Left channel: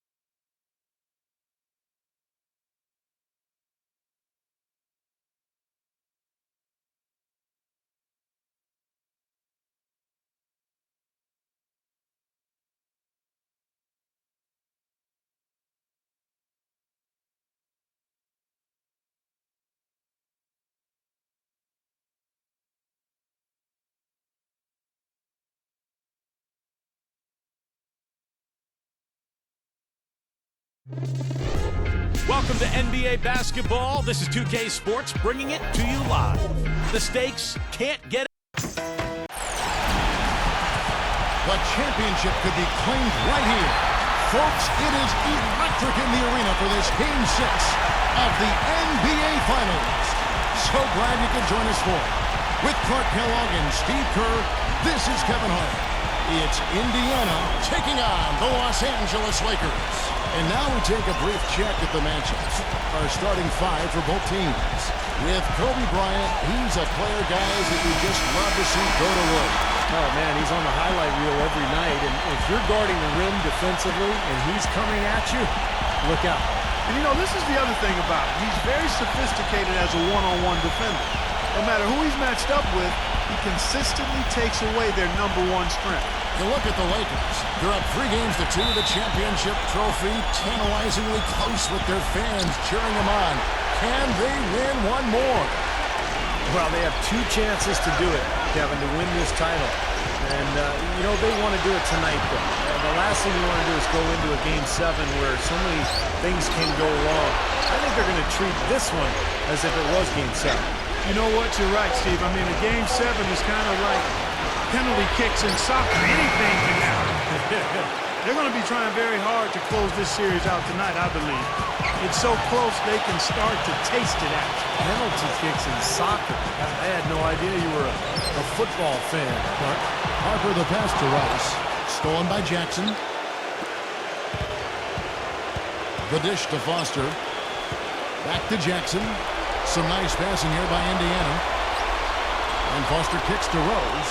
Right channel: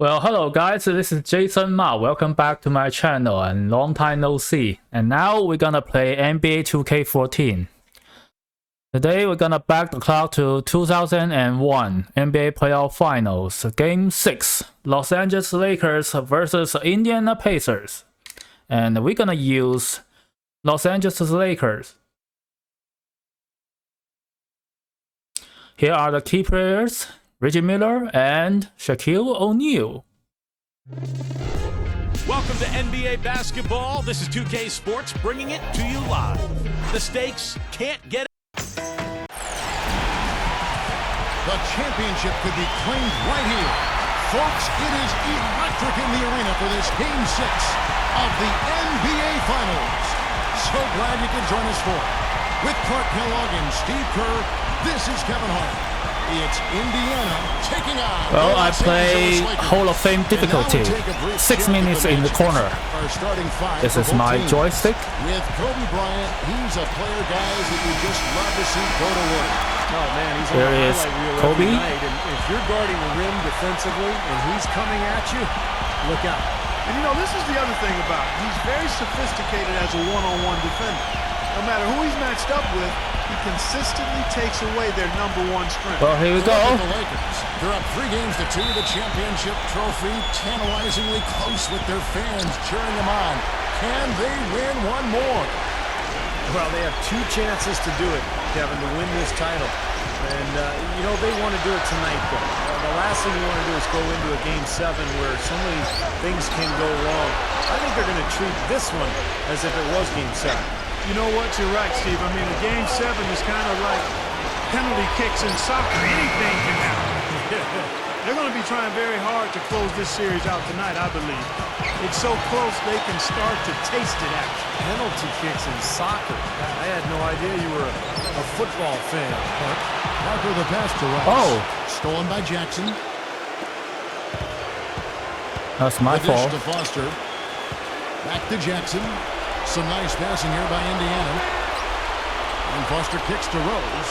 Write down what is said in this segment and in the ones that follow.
Well, hello guys, this is Jason Ma. Welcome back to my channel and long time no see. And now we're gonna play NBA 2K14. Today we're gonna back the clock to 2001 NBA Playoff Finals, Game 6, Los Angeles Lakers versus Indiana Pacers. And we're gonna use Los Angeles Lakers. Here are the key players: Reggie Miller and Shaquille O'Neal. Welcome to NBA basketball. This is 2K Sports bringing it to you live. The stakes can't get. The championship could be claimed right here. Folks, it is electric in the arena for this Game 6 of the NBA Finals. So glad you could join us for it. With Clark Kellogg and Steve Kerr, this is Kevin Hart. It's Indiana taking on the Los Angeles Lakers. Hall of Fame difficulty. And now we take a brief 6 check minutes at the in the corner. Our starting five This for is both my teams. joystick. With Kobe Bryant, he's a player, guys, that you just love to see go to work. Oh, man, he's on the highlight reel every night. And if you're guarding the rim defensively and he's coming at you, look out. And, you know, this is the other thing about him. He's very sophisticated as a one-on-one defender. No matter who he's matched up with, he consistently takes away their #1 strength. Well, here we Look go. at the Lakers. They're up 3-2. The championship trophy tantalizingly close with their fans cheering them on. Can they win one more? Well, they have 2 chances to do it, Kevin, to win this title. And, you know, they want to do it tonight, though. The last thing you want to do is go into a Game 7 where so many things can go wrong. I think they're going to treat this one as if it was Game 7. You know what? You're right, Steve. I mean, a Game 7 is kind of like penalty kicks in soccer. Anything can happen. They're going to be trying very hard to close this series out tonight, I believe. It's so close they can start to taste it, actually. Penalty kicks in soccer. I had no idea you were a football fan, Clark. Harper the pass to Rice. Oh. Stolen by Jackson. That's my The dish fault. to Foster. Back to Jackson. Some nice passing here by Indiana. And Foster kicks to Rose.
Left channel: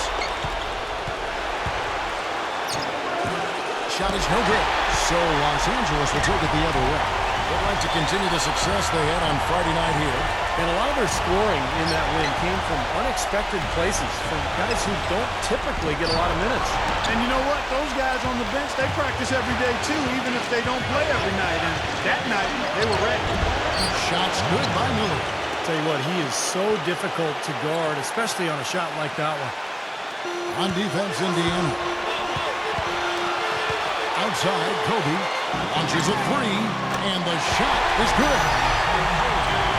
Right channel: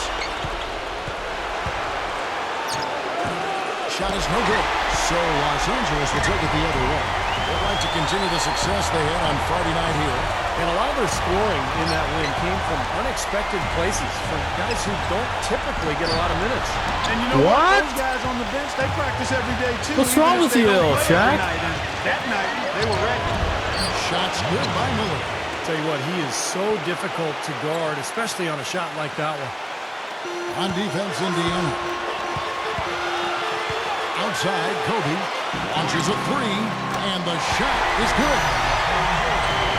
Shot is no good. So Los Angeles will take it the other way. They'd like to continue the success they had on Friday night here. And a lot of their scoring in that win came from unexpected places, from guys who don't typically get a lot of minutes. And you know what? Those guys on the bench, they practice every day, too, What's wrong even if with they you, don't play every Shaq? night. And that night, they were ready. Shots good by Miller. Tell you what, he is so difficult to guard, especially on a shot like that one. On defense, Indiana. Outside, Kobe launches a 3, and the shot is good.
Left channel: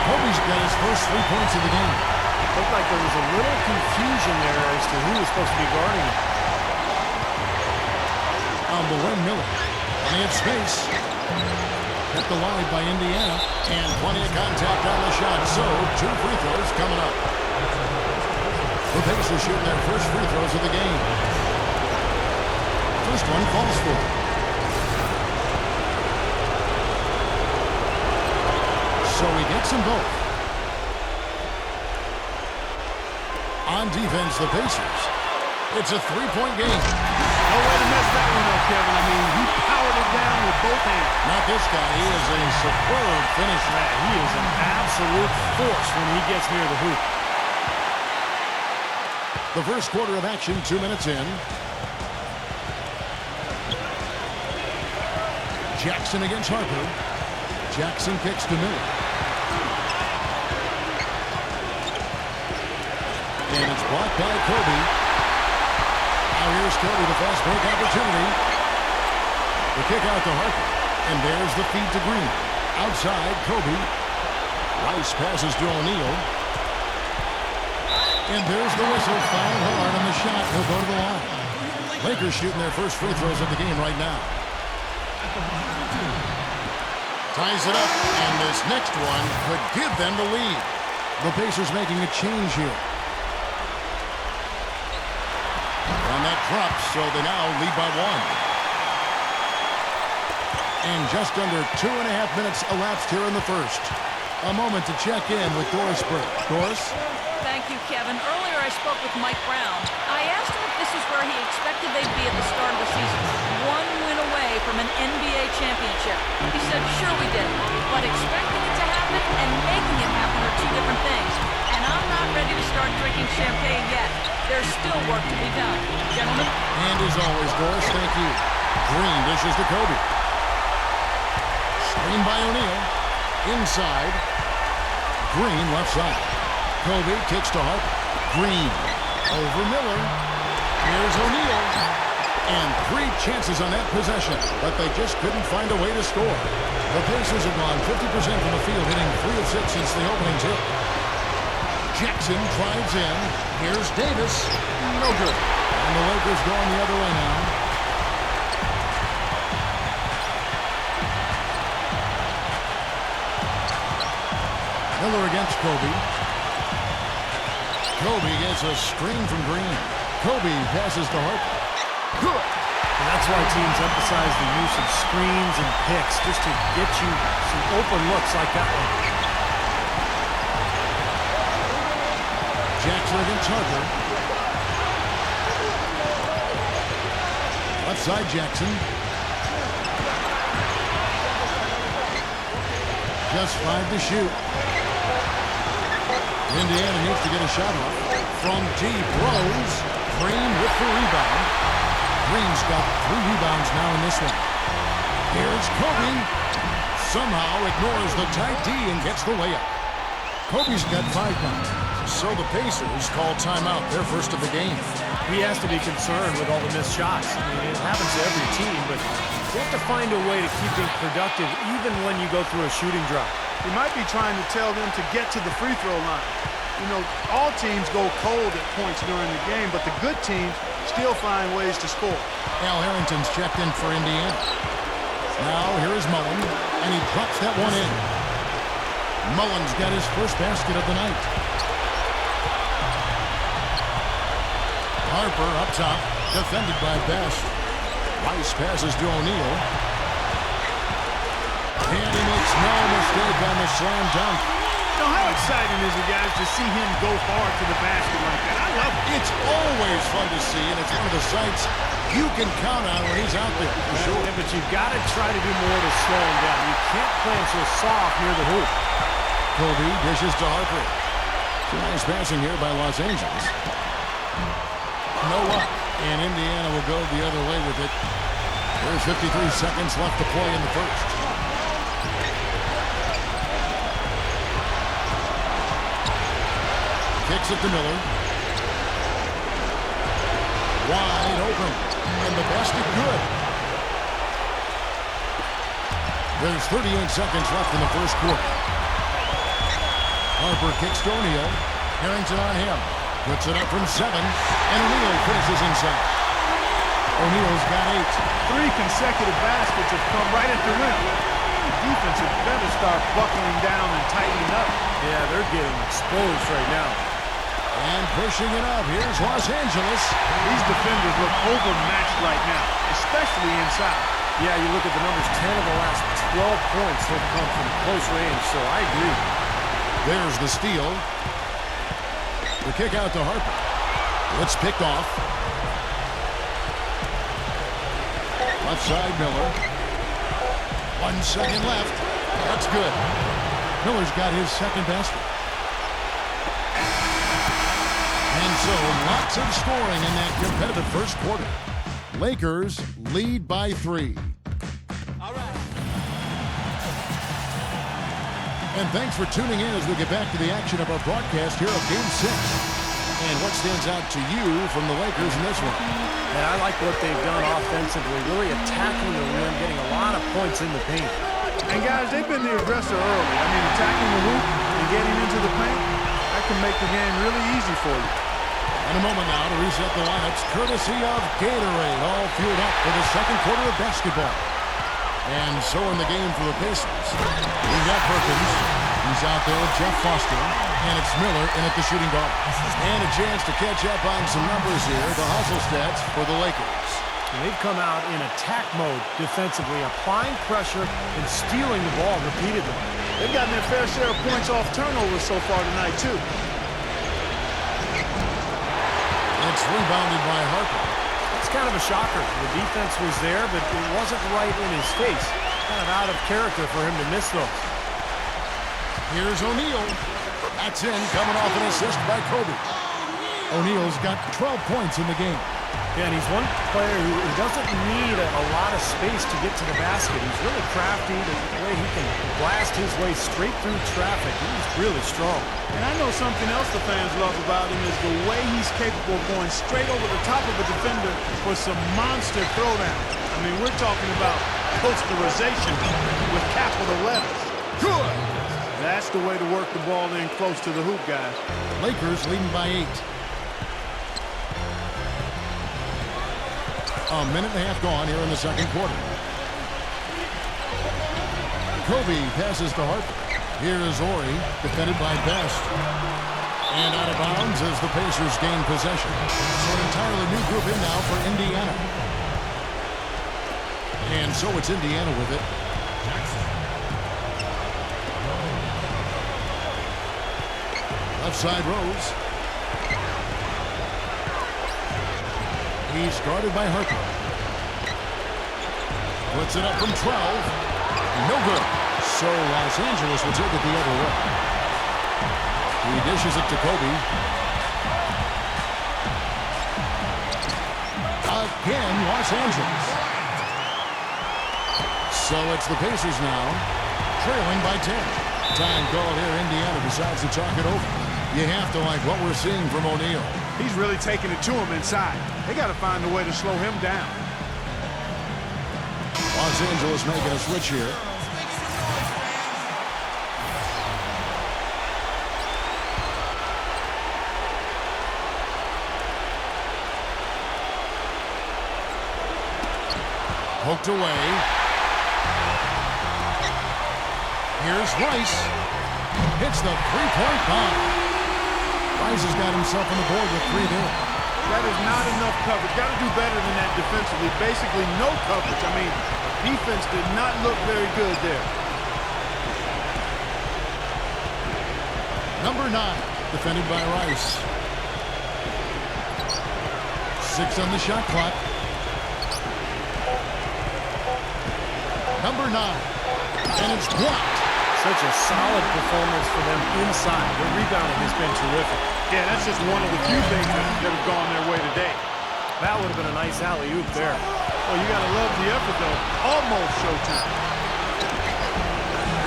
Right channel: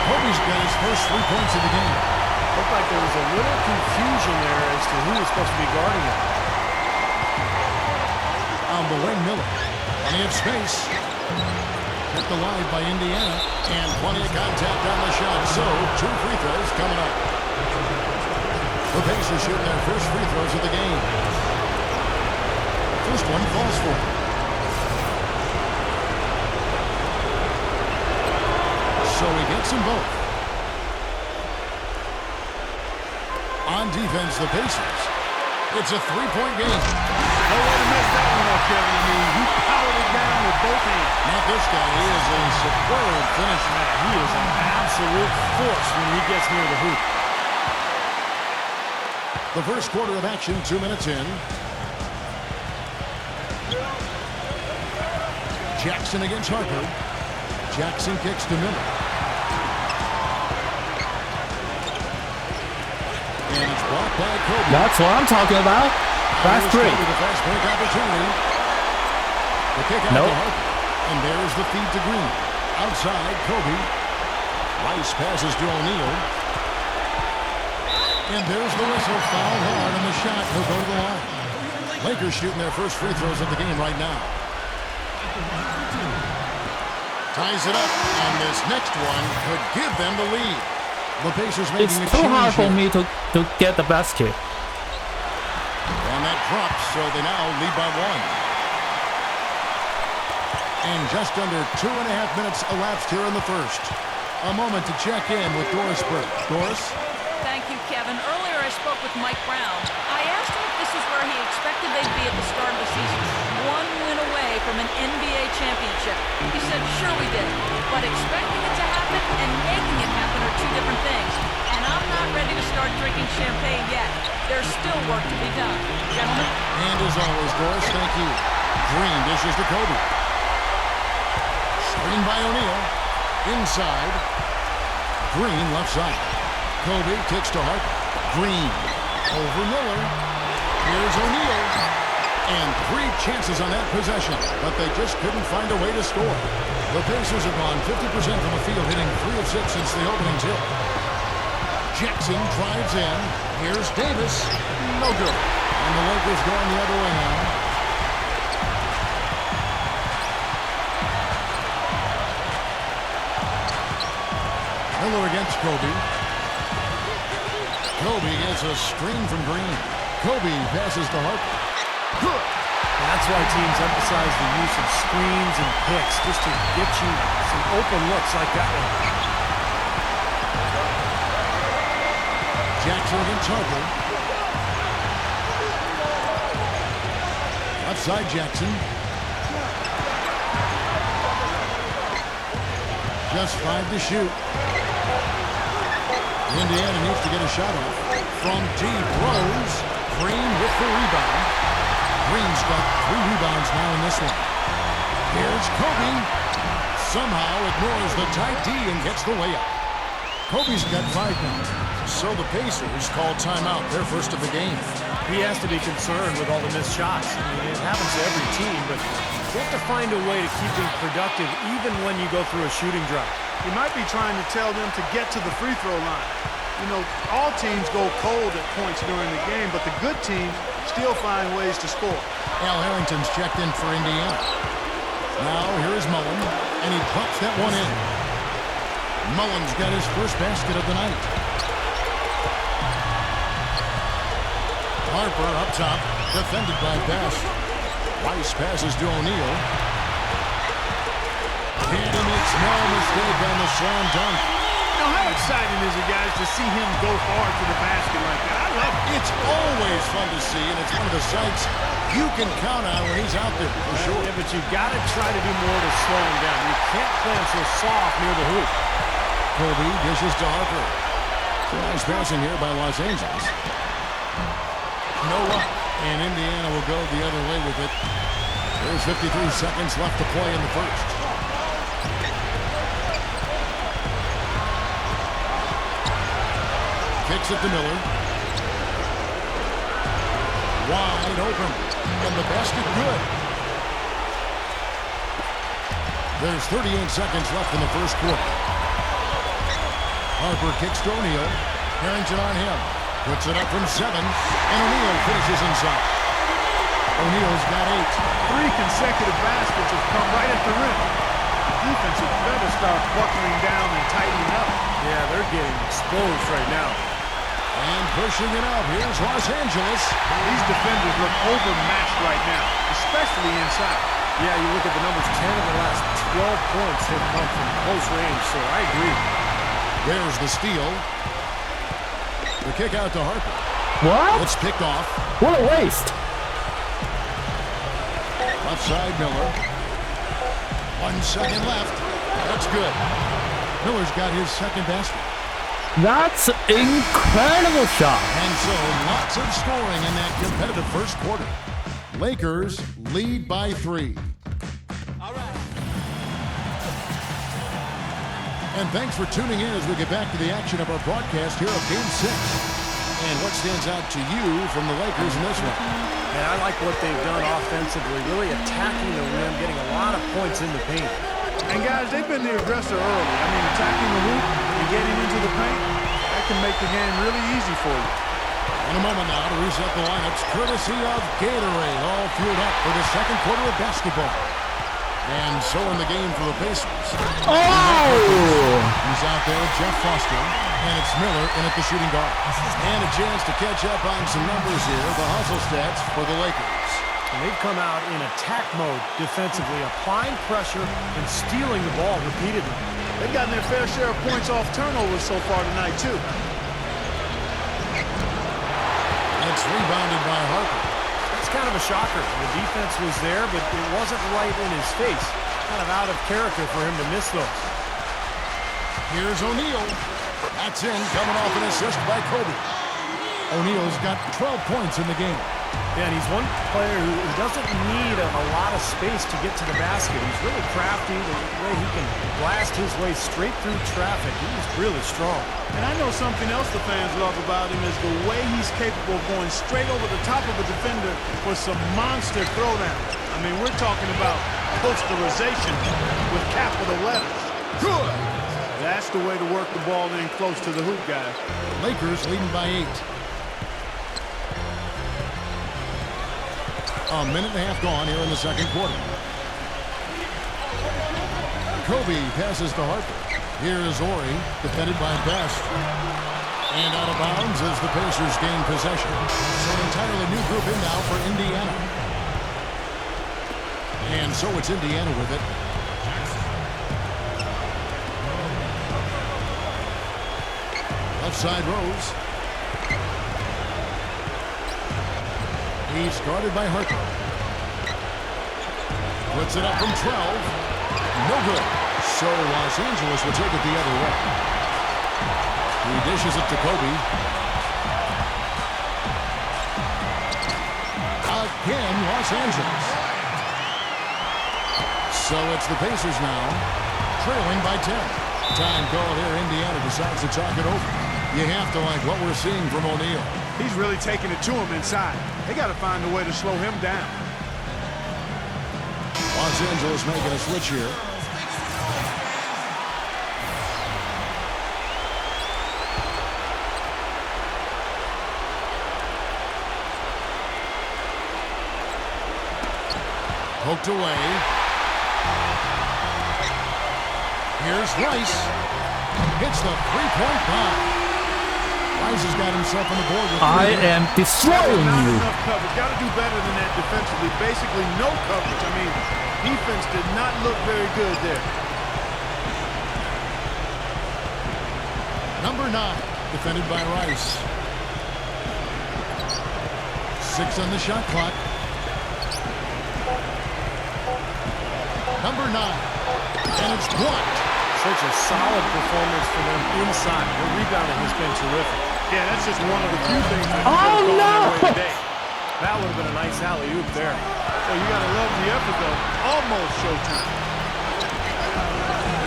Kobe's got his first 3 points of the game. Looked like there was a little confusion there as to who was supposed to be guarding him. On the wing, Miller. Plenty of space. Kept alive by Indiana, and plenty of contact on the shot. So, 2 free throws coming up. The Pacers shooting their first free throws of the game. First one falls for. So he gets them both. On defense, the Pacers. It's a 3-point game. No way to mess that one up, Kevin. I mean, he powered it down with both hands. Not this guy. He is a superb finisher. Man, he is an absolute force when he gets near the hoop. The first quarter of action, 2 minutes in. Jackson against Harper. Jackson kicks to Miller. And it's blocked by Kobe. That's what I'm talking about. Here's Kobe, the fast break opportunity. The kick out to Harper. And there's the feed to Green. Outside, Kobe. Rice passes to O'Neal. And there's the whistle. Fouled hard on the shot. He'll go to the line. Lakers shooting their first free throws of the game right now. Ties it up. And this next one could give them the lead. The Pacers making It's a too hard change for here. me to get the basket. And that drops, so they now lead by 1. And just under 2.5 minutes elapsed here in the first. A moment to check in with Doris Burke. Doris? Thank you, Kevin. Earlier I spoke with Mike Brown, I asked him if this was where he expected they'd be at the start of the season. One win away from an NBA championship. He said, sure we did, but expecting it to happen and making it happen are two different things. And I'm not ready to start drinking champagne yet. There's still work to be done. Gentlemen? And as always, Doris, thank you. Green dishes to Kobe. Screen by O'Neal. Inside. Green left side. Kobe kicks to Harper. Green over Miller. Here's O'Neal. And 3 chances on that possession, but they just couldn't find a way to score. The Pacers have gone 50% from the field, hitting 3 of 6 since the opening tip. Jackson drives in. Here's Davis. No good. And the Lakers going the other way now. Miller against Kobe. Kobe gets a screen from Green. Kobe passes to Harper. Good. And that's why teams emphasize the use of screens and picks, just to get you some open looks like that one. Jackson against Harper. Left side Jackson. Just 5 to shoot. Indiana needs to get a shot off. From deep, Rose. Green with the rebound. Green's got 3 rebounds now in this one. Here's Kobe. Somehow ignores the tight D and gets the layup. Kobe's got 5 now. So the Pacers call timeout, their first of the game. He has to be concerned with all the missed shots. I mean, it happens to every team, but you have to find a way to keep being productive even when you go through a shooting drought. He might be trying to tell them to get to the free throw line. You know, all teams go cold at points during the game, but the good teams still find ways to score. Al Harrington's checked in for Indiana. Now here is Mullen, and he drops that one in. Mullen's got his first basket of the night. Harper up top, defended by Best. Rice passes to O'Neal. And he makes no mistake on the slam dunk. You know, how exciting is it, guys, to see him go hard to the basket like that? I love it. It's always fun to see, and it's one of the sights you can count on when he's out there, for sure. Yeah, but you've got to try to do more to slow him down. You can't play him so soft near the hoop. Kobe dishes to Harper. So nice passing here by Los Angeles. No luck, and Indiana will go the other way with it. There's 53 seconds left to play in the first. Kicks it to Miller. Wide open. And the basket good. There's 38 seconds left in the first quarter. Harper kicks to O'Neal. Harrington on him. Puts it up from 7. And O'Neal finishes inside. O'Neal's got 8. 3 consecutive baskets have come right at the rim. The defense had better start buckling down and tightening up. Yeah, they're getting exposed right now. And pushing it up, here's Los Angeles. These defenders look overmatched right now, especially inside. Yeah, you look at the numbers, 10 of the last 12 points have come from close range, so I agree. There's the steal. The kick out to Harper. What? It's picked off. What a waste. Left side, Miller. 1 second left. That's good. Miller's got his second basket. That's incredible shot. And so lots of scoring in that competitive first quarter. Lakers lead by 3. All right. And thanks for tuning in as we get back to the action of our broadcast here of Game 6. And what stands out to you from the Lakers in this one? And I like what they've done offensively, really attacking the rim, getting a lot of points in the paint. And guys, they've been the aggressor early. I mean, attacking the hoop and getting into the paint, that can make the game really easy for you. In a moment now to reset the lineups, courtesy of Gatorade, all fueled up for the second quarter of basketball. And so in the game for the Pacers. We have Perkins. He's out there with Jeff Foster. And it's Miller in at the shooting guard. And a chance to catch up on some numbers here, the hustle stats for the Lakers. And they've come out in attack mode defensively, applying pressure and stealing the ball repeatedly. They've gotten their fair share of points off turnovers so far tonight, too. it's rebounded by Harper. It's kind of a shocker. The defense was there, but it wasn't right in his face. Kind of out of character for him to miss those. Here's O'Neal. That's in, coming off an assist by Kobe. O'Neal's got 12 points in the game. Yeah, and he's one player who doesn't need a lot of space to get to the basket. He's really crafty. The way he can blast his way straight through traffic. He's really strong. And I know something else the fans love about him is the way he's capable of going straight over the top of a defender for some monster throwdown. I mean, we're talking about posterization with capital letters. Good. That's the way to work the ball in close to the hoop, guys. Lakers leading by 8. A minute and a half gone here in the second quarter. Kobe passes to Harper. Here is Ori, defended by Best. And out of bounds as the Pacers gain possession. So an entirely new group in now for Indiana. And so it's Indiana with it. Left side Rose. He's guarded by Harper. Puts it up from 12. No good. So Los Angeles will take it the other way. He dishes it to Kobe. Again, Los Angeles. So it's the Pacers now, trailing by 10. Time called here. Indiana decides to talk it over. You have to like what we're seeing from O'Neal. He's really taking it to him inside. They got to find a way to slow him down. Los Angeles making a switch here. Poked away. Here's Rice. Hits the three-point bomb. Rice has got himself on the board with 3. I am That destroying is not you. enough coverage. Got to do better than that defensively. Basically no coverage. I mean, defense did not look very good there. Number 9, defended by Rice. 6 on the shot clock. Number 9, and it's blocked. Such a solid performance for them inside. Their rebounding has been terrific. Yeah, that's just one of the few things that could have gone their way today. That would have been a nice alley-oop there. Well, you got to love the effort, though. Almost showtime.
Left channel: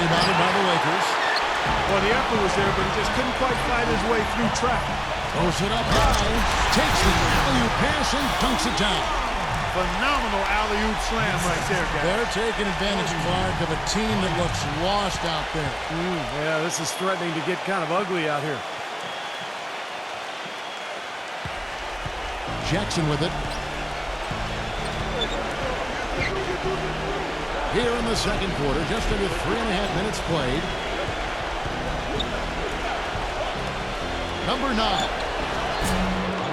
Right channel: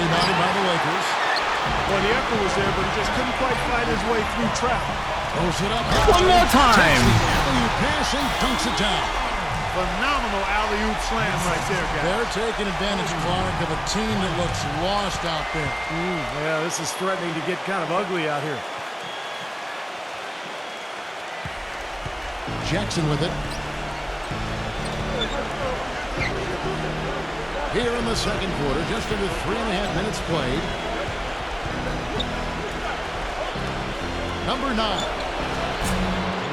Rebounded by the Lakers. Well, the effort was there, but he just couldn't quite fight his way through traffic. Throws it up. time. Takes the alley-oop pass and dunks it down. Phenomenal alley-oop slam right there, guys. They're taking advantage, Clark, of a team that looks lost out there. Yeah, this is threatening to get kind of ugly out here. Jackson with it. Here in the second quarter, just under 3.5 minutes played. Number 9.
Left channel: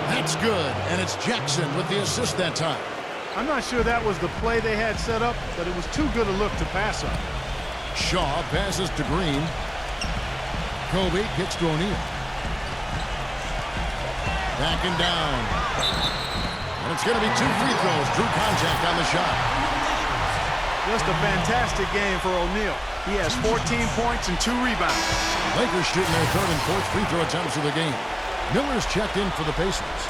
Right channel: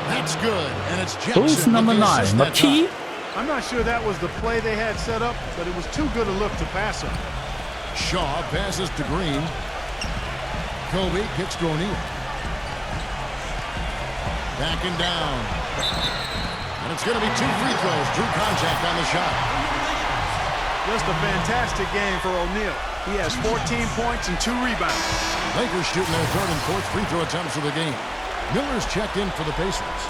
That's good, and it's Who's Jackson with number the 9? assist that time. I'm not sure that was the play they had set up, but it was too good a look to pass up. Shaw passes to Green. Kobe kicks to O'Neal. Backing down. And it's going to be 2 free throws. Drew contact on the shot. Just a fantastic game for O'Neal. He has 14 points and 2 rebounds. Lakers shooting their 3rd and 4th free throw attempts of the game. Miller's checked in for the Pacers.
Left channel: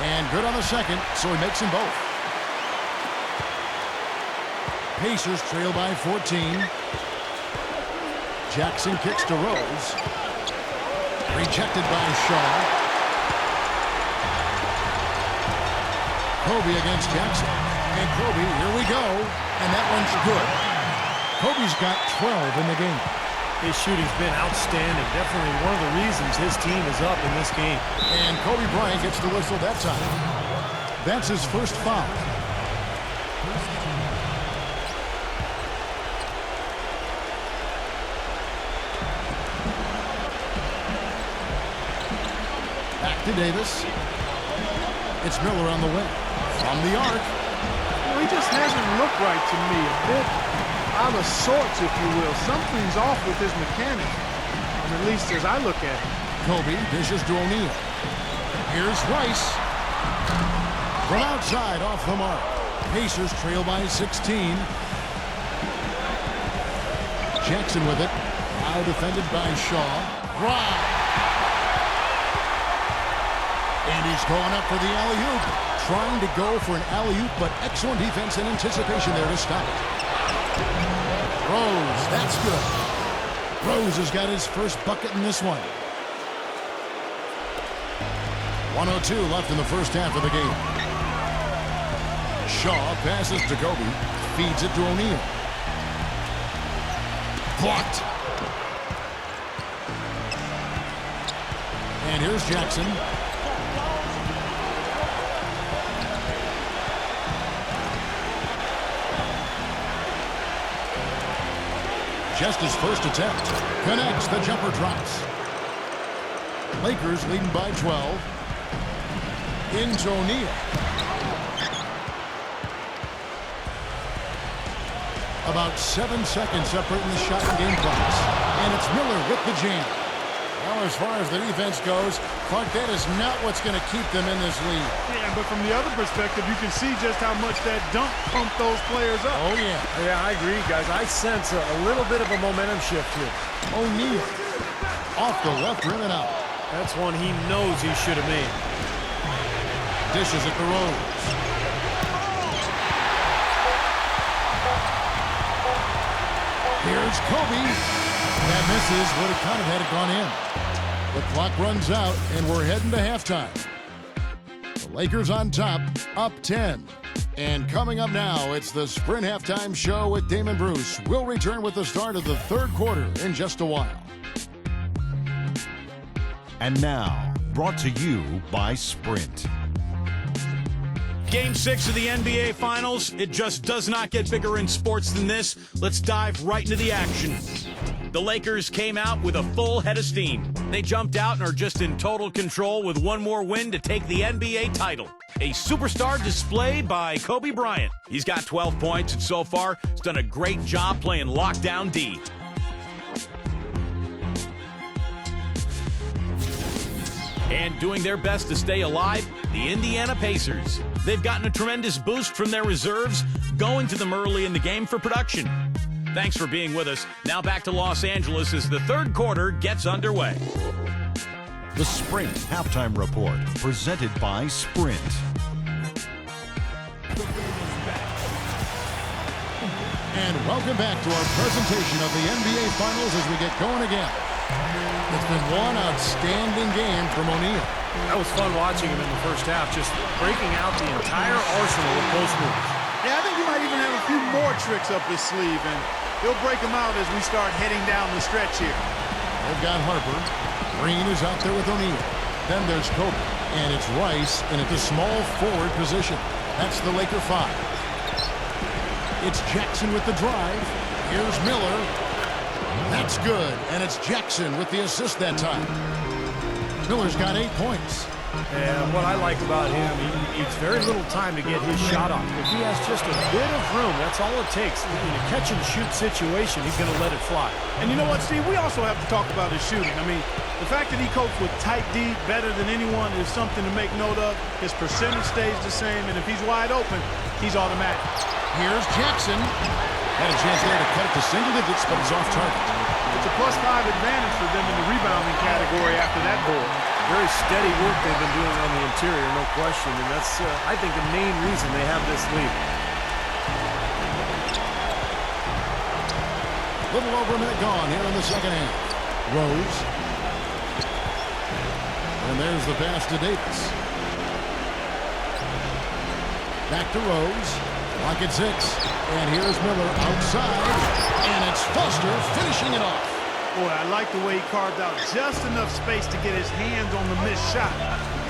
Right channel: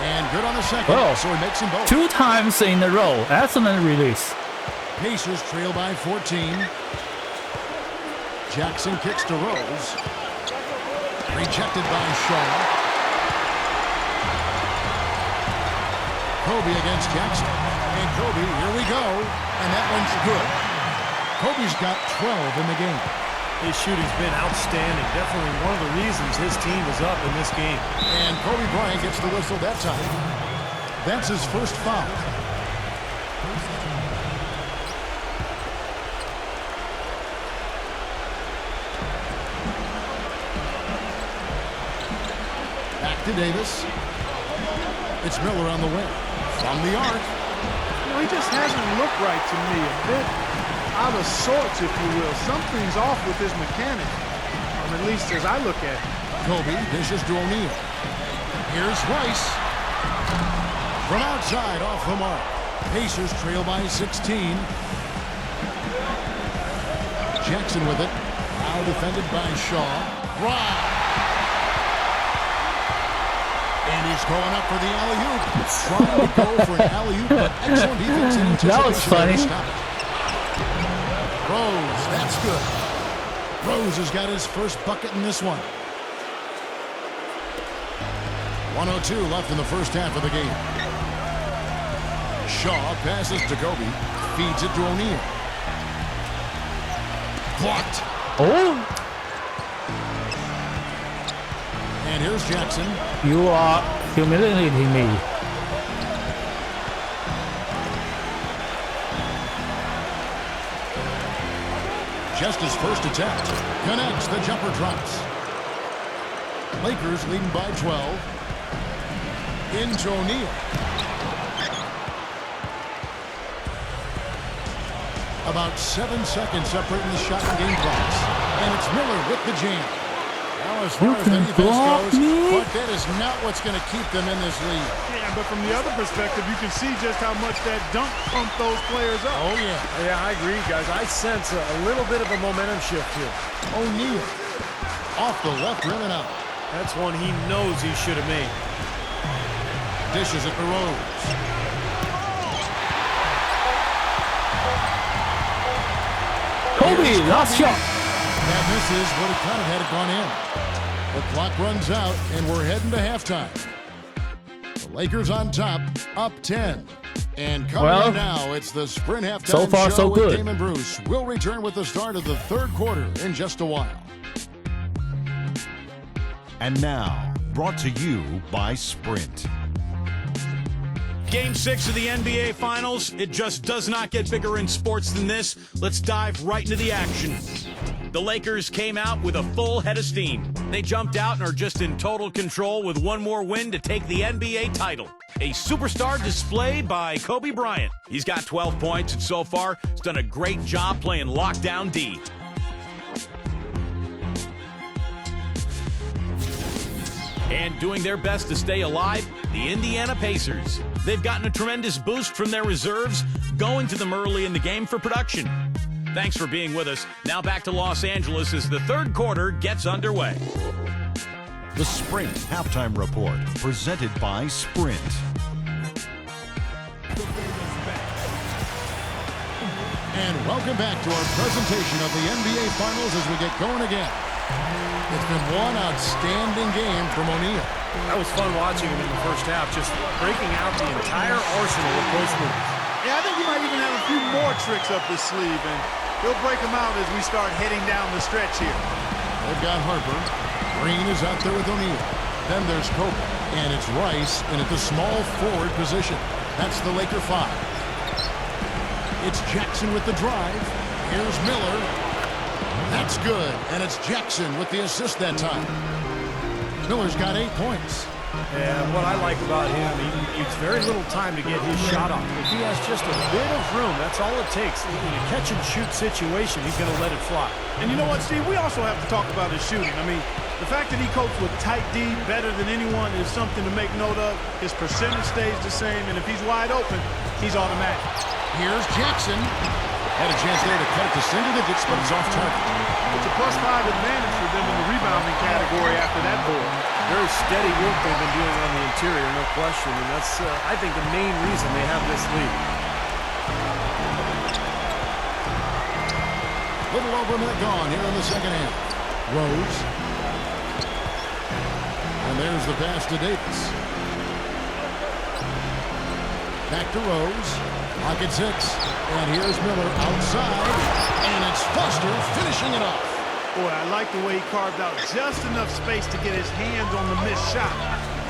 And good on the second, so he makes them both. 2 times in a row. Excellent release. Pacers trail by 14. Jackson kicks to Rose. Rejected by Shaw. Kobe against Jackson. And Kobe, here we go. And that one's good. Kobe's got 12 in the game. His shooting's been outstanding. Definitely one of the reasons his team is up in this game. And Kobe Bryant gets the whistle that time. That's his first foul. Back to Davis. It's Miller on the wing. From the arc. Well, he just hasn't looked right to me. A bit out of sorts, if you will. Something's off with his mechanics. Or at least as I look at it. Kobe dishes to O'Neal. Here's Rice. From outside, off the mark. Pacers trail by 16. Jackson with it. Now defended by Shaw. Rob. And he's going up for the alley-oop. Trying to go for an alley-oop, but excellent defense in anticipation there to stop it. Rose, that's good. Rose has got his first bucket in this one. 1:02 left in the first half of the game. Shaw passes to Kobe. Feeds it to O'Neal. Blocked. Oh, And here's Jackson. you are humiliating me. Just his first attempt. Connects. The jumper drops. Lakers leading by 12. Into O'Neal. About 7 seconds separating the shot and game clocks. And it's Miller with the jam. Well, as far as the defense goes, Clark, that is not what's going to keep them in this league. Yeah, but from the other perspective, you can see just how much that dunk pumped those players up. Oh, yeah. Yeah, I agree, guys. I sense a little bit of a momentum shift here. O'Neal. Off the left rim and out. That's one he knows he should have made. Dishes at the Rose. Here's Kobe. That misses. Would have kind of had it gone in. The clock runs out, and we're heading to halftime. The Lakers on top, up 10. And coming up now, it's the Sprint Halftime so far, Show so with good. Damon Bruce. We'll return with the start of the third quarter in just a while. And now, brought to you by Sprint. Game 6 of the NBA Finals. It just does not get bigger in sports than this. Let's dive right into the action. The Lakers came out with a full head of steam. They jumped out and are just in total control with one more win to take the NBA title. A superstar display by Kobe Bryant. He's got 12 points and so far has done a great job playing lockdown D. And doing their best to stay alive, the Indiana Pacers. They've gotten a tremendous boost from their reserves, going to them early in the game for production. Thanks for being with us. Now back to Los Angeles as the third quarter gets underway. The Sprint Halftime Report, presented by Sprint. And welcome back to our presentation of the NBA Finals as we get going again. It's been one outstanding game from O'Neal. That was fun watching him in the first half, just breaking out the entire arsenal of post moves. Yeah, I think he might even have a few more tricks up his sleeve, and he'll break them out as we start heading down the stretch here. They've got Harper. Green is out there with O'Neal. Then there's Kobe. And it's Rice in at the small forward position. That's the Laker 5. It's Jackson with the drive. Here's Miller. That's good. And it's Jackson with the assist that time. Miller's got 8 points. And what I like about him, he needs very little time to get his shot off. If he has just a bit of room, that's all it takes. In a catch-and-shoot situation, he's going to let it fly. And you know what, Steve? We also have to talk about his shooting. I mean, the fact that he copes with tight D better than anyone is something to make note of. His percentage stays the same, and if he's wide open, he's automatic. Here's Jackson. Had a chance there to cut it to single digits, but it's off target. It's a +5 advantage for them in the rebounding category after that board. Very steady work they've been doing on the interior, no question. And that's, I think, the main reason they have this lead. Little over a minute gone here in the second half. Rose. And there's the pass to Davis. Back to Rose. Lock at 6. And here's Miller outside. And it's Foster finishing it off. Boy, I like the way he carved out just enough space to get his hands on the missed shot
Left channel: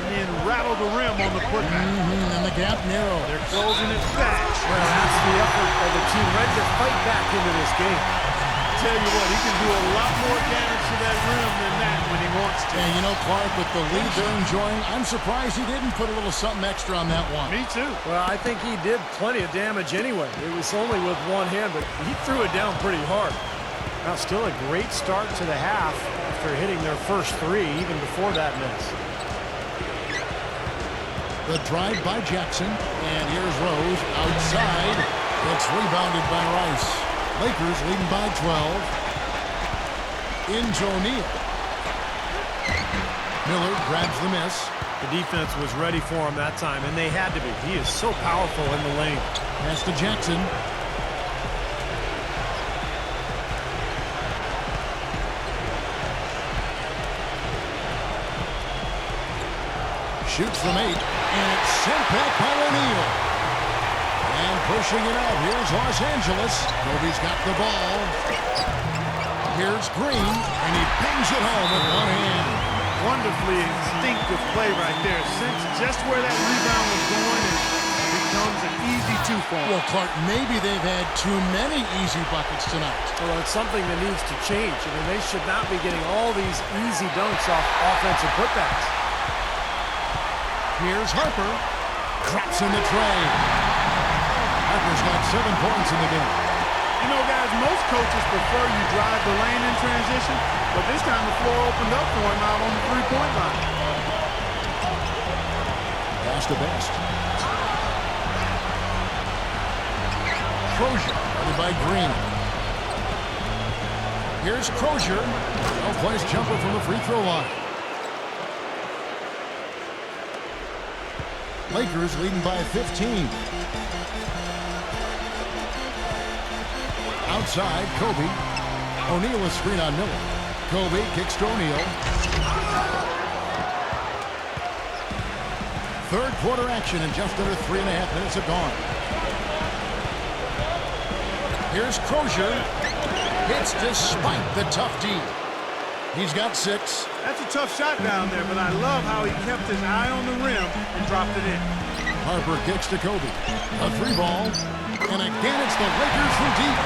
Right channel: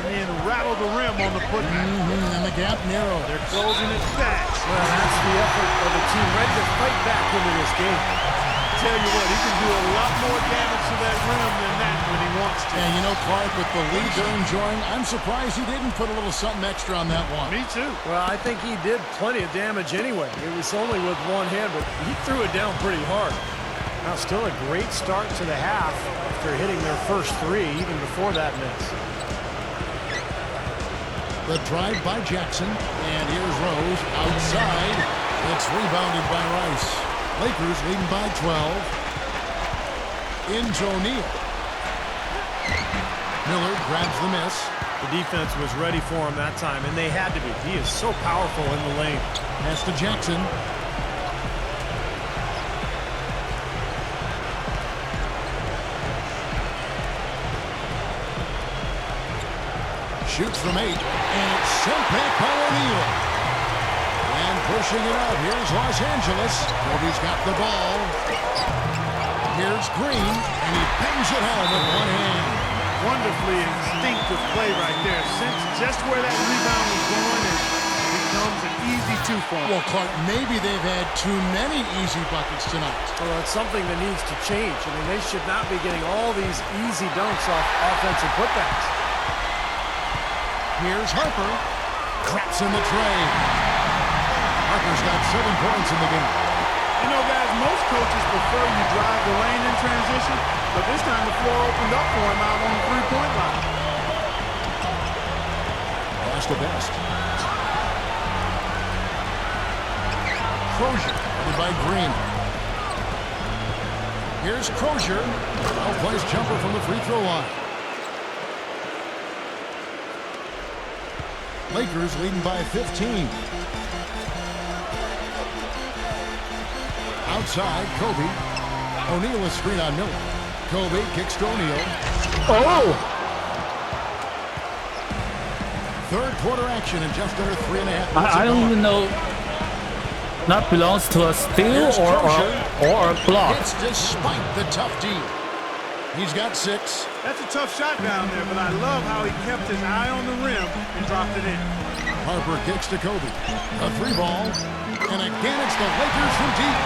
and then rattle the rim on the putback. And the gap narrow. They're closing it fast. Well, that's the effort of a team ready to fight back into this game. Tell you what, he can do a lot more damage to that rim than that when he wants to. And you know, Clark, with the lead they're enjoying, I'm surprised he didn't put a little something extra on that one. Me too. Well, I think he did plenty of damage anyway. It was only with one hand, but he threw it down pretty hard. Now, still a great start to the half after hitting their first 3 even before that miss. The drive by Jackson. And here's Rose outside. It's rebounded by Rice. Lakers leading by 12. Into O'Neal. Miller grabs the miss. The defense was ready for him that time, and they had to be. He is so powerful in the lane. Pass to Jackson. Shoots from 8, and it's sent back by O'Neal. And pushing it out, here's Los Angeles. Kobe's got the ball. Here's Green, and he bangs it home with one hand. Wonderfully instinctive play right there. Sense just where that rebound was going, and it becomes an easy two for him. Well, Clark, maybe they've had too many easy buckets tonight. Well, it's something that needs to change. I mean, they should not be getting all these easy dunks off offensive putbacks. Here's Harper. Craps in the tray. Harper's got 7 points in the game. You know, guys, most coaches prefer you drive the lane in transition, but this time the floor opened up for him out on the three-point line. Pass to Best. Crozier, guarded by Green. Here's Crozier. Well-placed jumper from the free throw line. Lakers leading by 15. Outside, Kobe. O'Neal is screen on Miller. Kobe kicks to O'Neal. Oh! Third quarter action in just under 3.5 minutes I don't even know. That belongs to a steal Here's Crozier. or a block. Hits despite the tough D. He's got 6. That's a tough shot down there, but I love how he kept his eye on the rim and dropped it in. Harper kicks to Kobe. A 3-ball. And again, it's the Lakers from deep.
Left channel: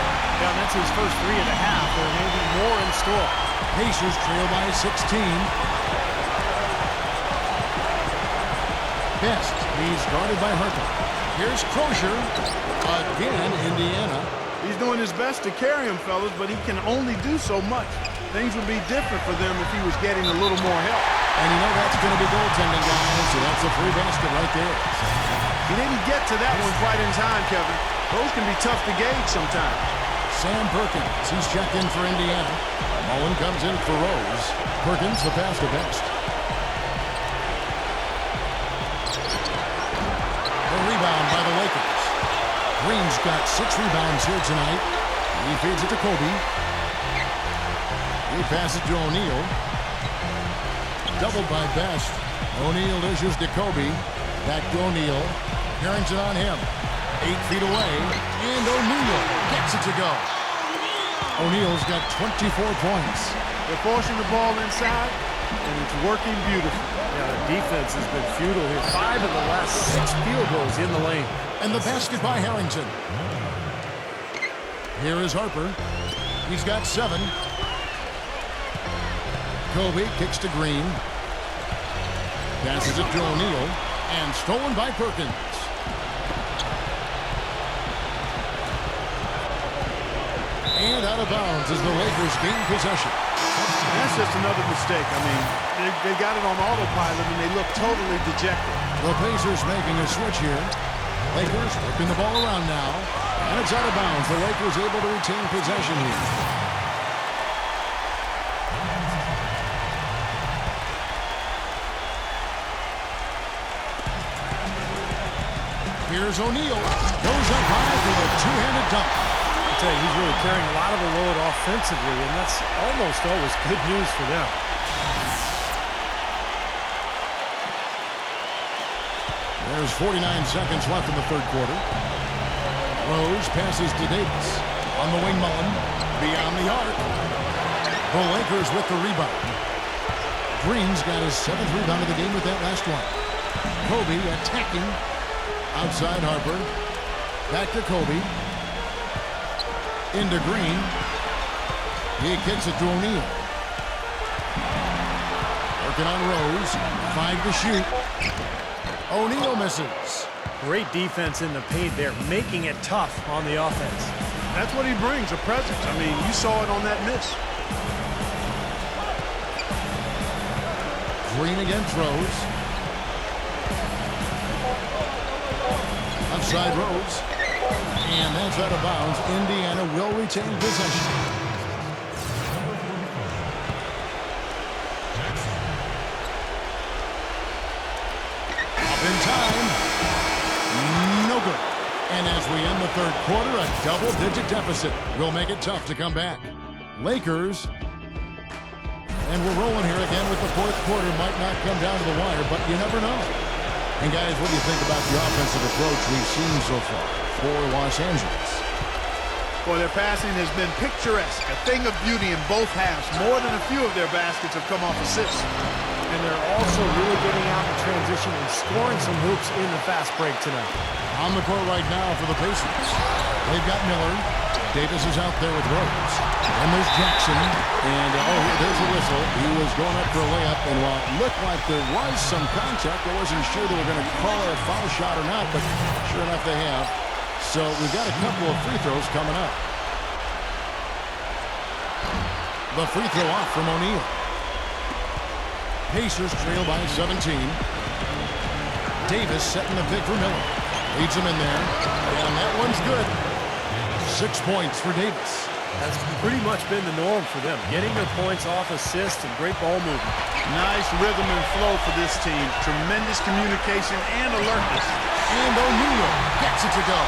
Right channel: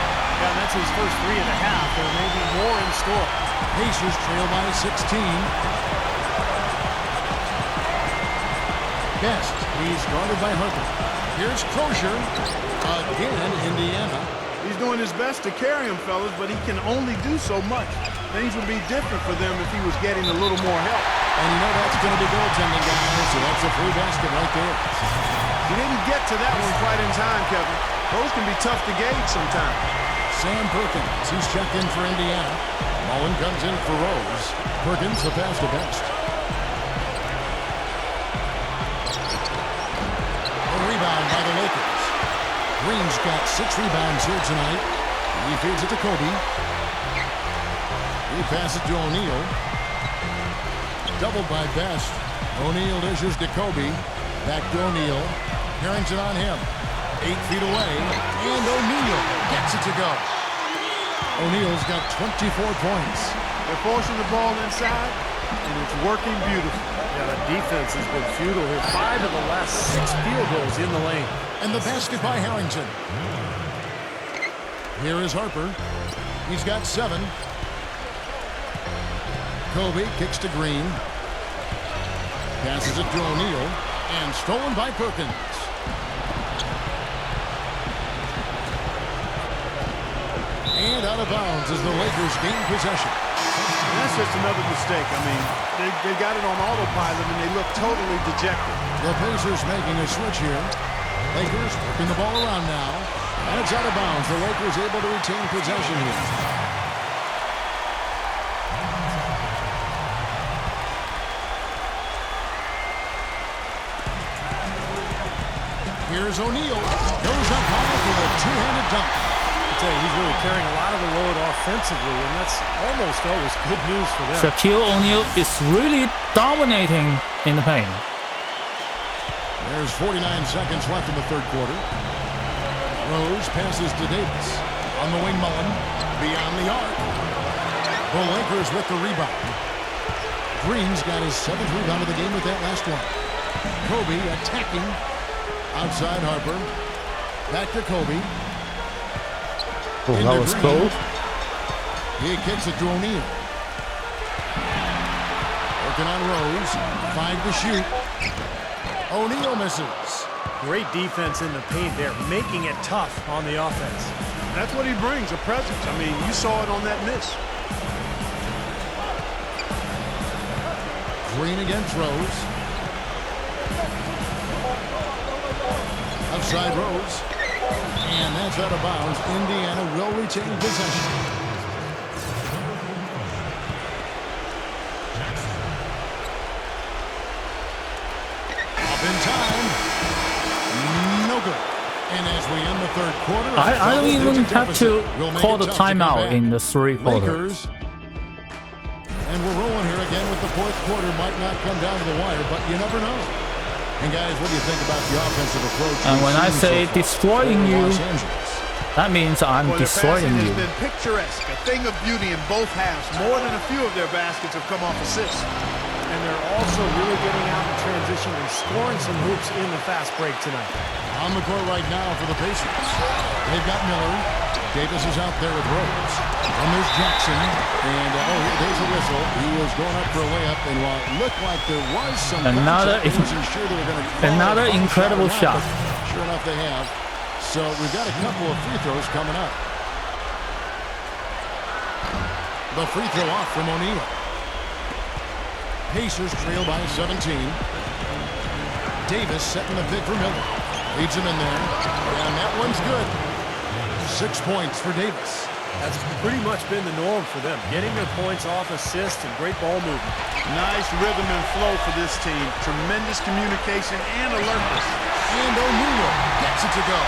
Yeah, that's his first 3 and a half. There may be more in store. Pacers trail by 16. Best. He's guarded by Harper. Here's Crozier. Again, Indiana. He's doing his best to carry him, fellas, but he can only do so much. Things would be different for them if he was getting a little more help. And you know that's going to be goaltending, guys, so that's a free basket right there. He didn't get to that one quite in time, Kevin. Those can be tough to gauge sometimes. Sam Perkins, he's checked in for Indiana. Mullen comes in for Rose. Perkins, the pass to Best. A rebound by the Lakers. Green's got 6 rebounds here tonight. He feeds it to Kobe. He passes to O'Neal. Doubled by Best. O'Neal dishes to Kobe. Back to O'Neal. Harrington on him. 8 feet away. And O'Neal gets it to go. O'Neal's got 24 points. They're forcing the ball inside, and it's working beautifully. Yeah, the defense has been futile here. 5 of the last 6 field goals in the lane. And the basket by Harrington. Here is Harper. He's got 7. Kobe kicks to Green. Passes it to O'Neal. And stolen by Perkins. And out of bounds as the Lakers gain possession. And that's just another mistake. I mean, they got it on autopilot, and they look totally dejected. The Pacers making a switch here. Lakers working the ball around now. And it's out of bounds. The Lakers able to retain possession here. Here's O'Neal. Goes up high for the two-handed dunk. I tell you, he's really carrying a lot of the load offensively, and that's almost always good news for them. Shaquille O'Neal is really dominating in the paint. There's 49 seconds left in the third quarter. Rose passes to Davis. On the wing, Mullen. Beyond the arc. The Lakers with the rebound. Green's got his 7th rebound of the game with that last one. Kobe attacking. Outside Harper. Back to Kobe. Into Green. He kicks it to O'Neal. Working on Rose. 5 to shoot. O'Neal misses. Great defense in the paint there, making it tough on the offense. That's what he brings, a presence. I mean, you saw it on that miss. Green again throws. side Rose. And that's out of bounds. Indiana will retain possession. Up in time. No good. And as we end the third quarter, a I don't even double-digit have deficit to will make call it the tough to come timeout back. in the three quarter. Lakers. And we're rolling here again with the fourth quarter. Might not come down to the wire, but you never know. And guys, what do you think about the offensive approach And we've when I seen say so far destroying for you, Los Angeles? that means I'm Well, their destroying passing has you. been picturesque, a thing of beauty in both halves. More than a few of their baskets have come off assists. And they're also really getting out in transition and scoring some hoops in the fast break tonight. On the court right now for the Pacers. They've got Miller. Davis is out there with Rose. And there's Jackson. And, there's a whistle. He was going up for a layup. And while it looked like there was some contact, I wasn't sure they were going to call another a foul shot or incredible not, shot. but sure enough they have. So we've got a couple of free throws coming up. The free throw off from O'Neal. Pacers trail by 17. Davis setting the pick for Miller. Leads him in there. And that one's good. 6 points for Davis. That's pretty much been the norm for them. Getting their points off assists and great ball movement. Nice rhythm and flow for this team. Tremendous communication and alertness. And O'Neal gets it to go.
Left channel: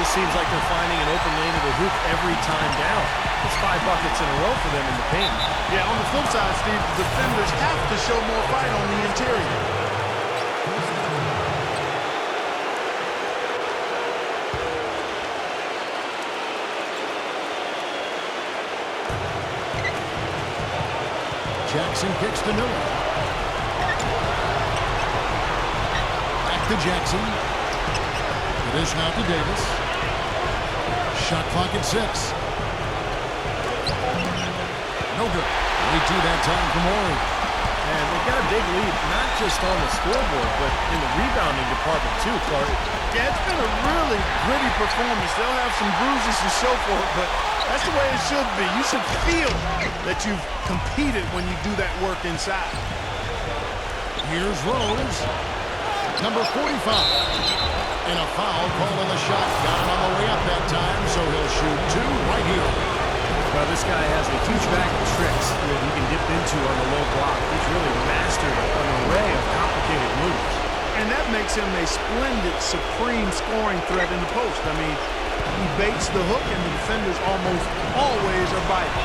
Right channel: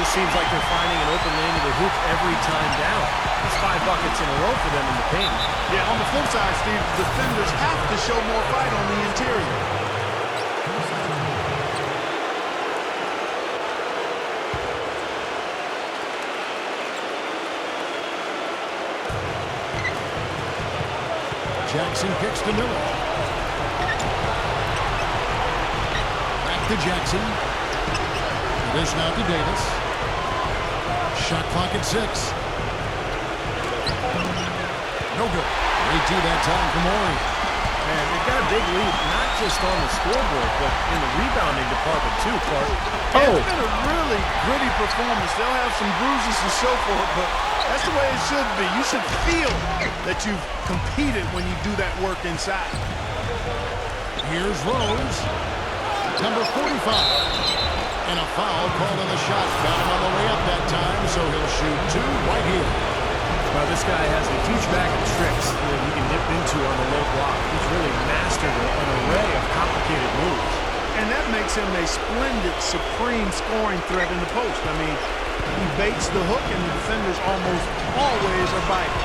This seems like they're finding an open lane to the hoop every time down. That's 5 buckets in a row for them in the paint. Yeah, on the flip side, Steve, the defenders have to show more fight on the interior. Jackson kicks to Miller. Back to Jackson. The dish now to Davis. Shot clock at 6. No good. Great D that time from Morey. And they've got a big lead, not just on the scoreboard, but in the rebounding department too, Clark. Yeah, it's been a really gritty performance. They'll have some bruises to show for it, but that's the way it should be. You should feel that you've competed when you do that work inside. Here's Rose. Number 45. And a foul called on the shot. Got him on the way up that time, so he'll shoot 2 right here. Well, this guy has a huge bag of tricks that he can dip into on the low block. He's really mastered an array of complicated moves. And that makes him a splendid, supreme scoring threat in the post. I mean, he baits the hook, and the defenders almost always are biting.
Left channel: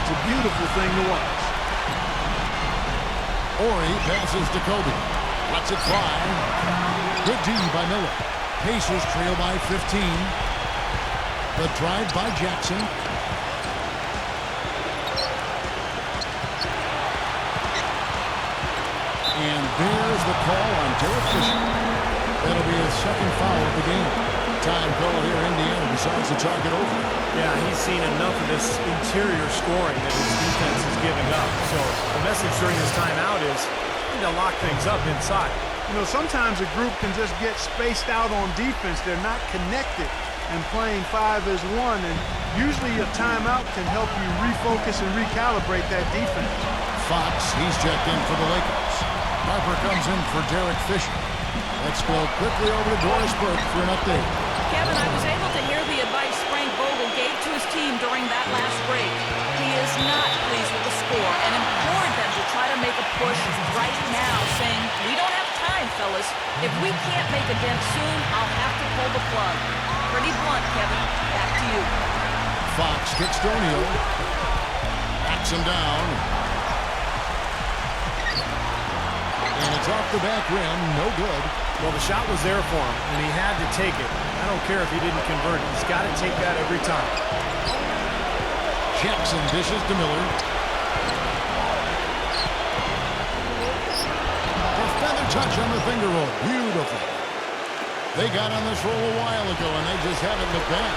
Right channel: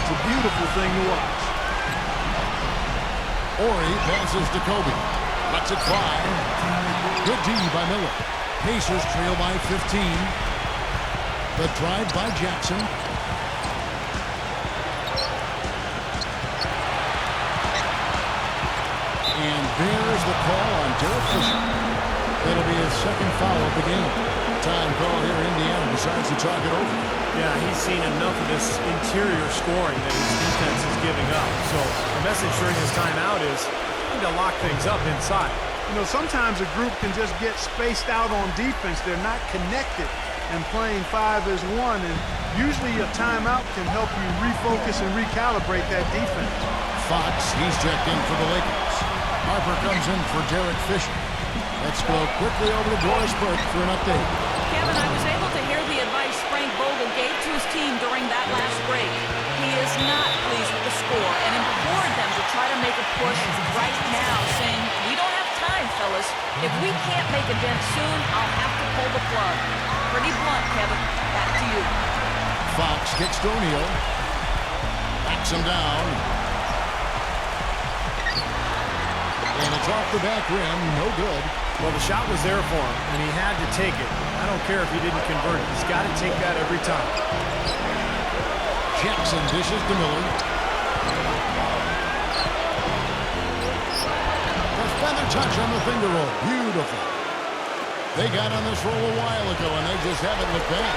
It's a beautiful thing to watch. Morey passes to Kobe. Lets it fly. Good D by Miller. Pacers trail by 15. The drive by Jackson. And there's the call on Derek Fisher. That'll be his second foul of the game. Time call here. Indiana decides to talk it over. Yeah, he's seen enough of this interior scoring that his defense is giving up. So the message during this timeout is to lock things up inside. You know, sometimes a group can just get spaced out on defense. They're not connected and playing 5 as 1. And usually a timeout can help you refocus and recalibrate that defense. Fox, he's checked in for the Lakers. Harper comes in for Derek Fisher. Let's go quickly over to Doris Burke for an update. Kevin, I was able to hear the advice Frank Vogel gave to his team during that last break. He is not pleased with the score and implored them to try to make a push right now, saying, "We don't have time, fellas. If we can't make a dent soon, I'll have to pull the plug." Pretty blunt, Kevin. Back to you. Fox kicks to O'Neal. Backs him down. And it's off the back rim. No good. Well, the shot was there for him, and he had to take it. I don't care if he didn't convert it. He's got to take that every time. Jackson dishes to Miller. The feather touch on the finger roll. Beautiful. They got on this roll a while ago, and they just haven't looked back.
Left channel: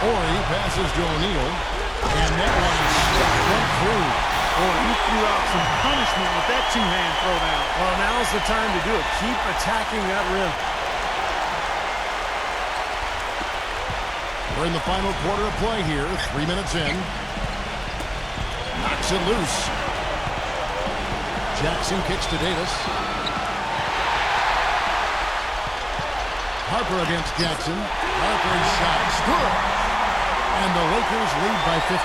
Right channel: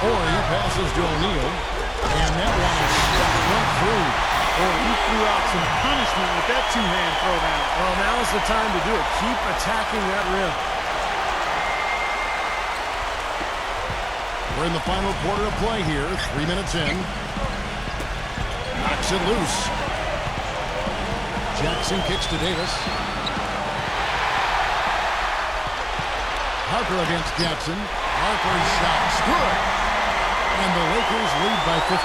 Morey passes to O'Neal, and that one is stuck right through. Boy, he threw out some punishment with that two-hand throwdown. Well, now's the time to do it. Keep attacking that rim. We're in the final quarter of play here. 3 minutes in. Knocks it loose. Jackson kicks to Davis. Harper against Jackson. Harper's shot's good. And the Lakers lead by 15.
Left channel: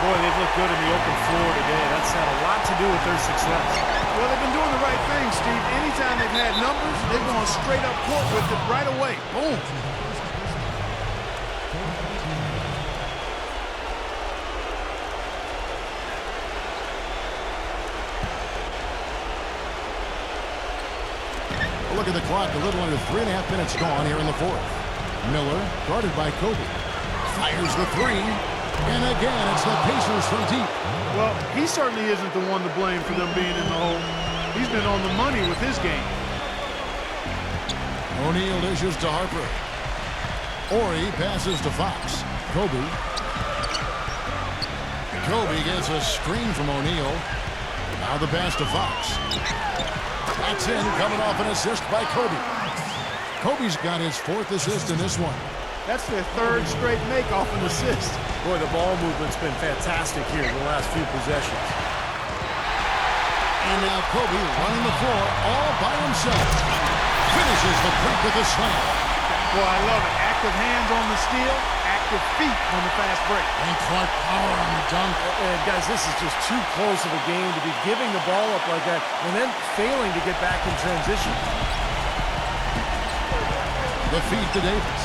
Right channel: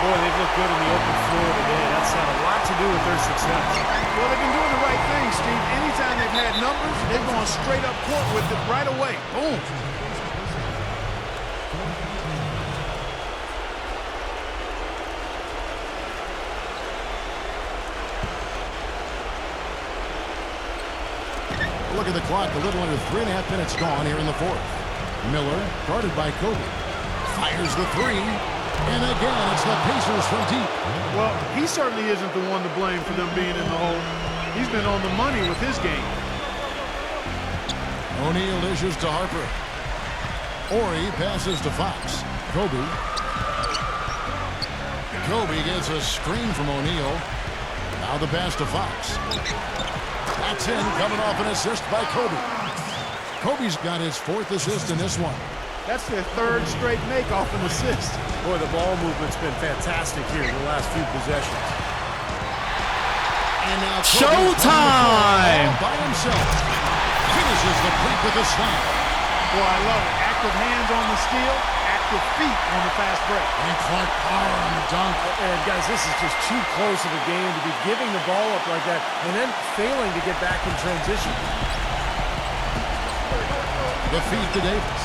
Boy, they've looked good in the open floor today. That's had a lot to do with their success. Well, they've been doing the right thing, Steve. Anytime they've had numbers, they've gone straight up court with it right away. Boom. Look at the clock, a little under 3.5 minutes gone here in the fourth. Miller, guarded by Kobe. Fires the three. And again, it's the Pacers from deep. Well, he certainly isn't the one to blame for them being in the hole. He's been on the money with his game. O'Neal dishes to Harper. Horry passes to Fox. Kobe. Kobe gets a screen from O'Neal. Now the pass to Fox. That's in, coming off an assist by Kobe. Kobe's got his 4th assist in this one. That's their 3rd straight make off an assist. Boy, the ball movement's been fantastic here in the last few possessions. And now Kobe running the floor all by himself. Finishes the break with a slam. Boy, I love it. Active hands on the steal, active feet on the fast break. And Clark power on the dunk. And guys, this is just too close of a game to be giving the ball up like that and then failing to get back in transition. The feed to Davis.